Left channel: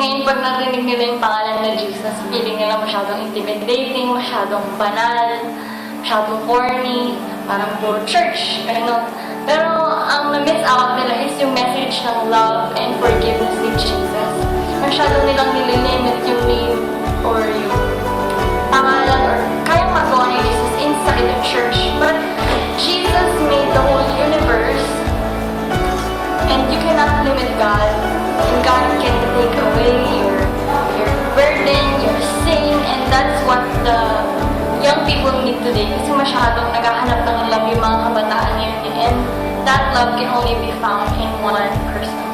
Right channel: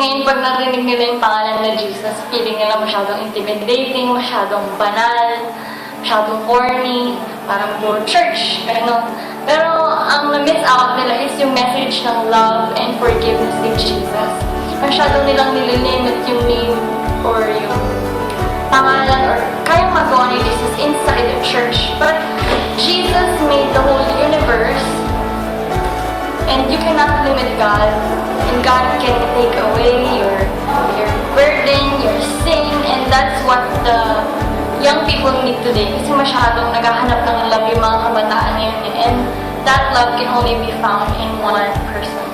ngayon, pag narinig nila yung pangalan na Jesus, feeling nila masyadong intimidating, masyadong banal, masyadong corny, parang puro church, gano'n. Pero ang na-miss out nila is yung message ng love and forgiveness ni Jesus. Masyadong nilang nililimit yung name or yung pangalan or kayang magawa ni Jesus inside the church. But Jesus made the whole universe, and you cannot limit God. And God can take away your burden, your sin, and that's what the young people need today. Kasi masyadong naghahanap ng love yung mga kabataan ngayon. And that love can only be found in one person.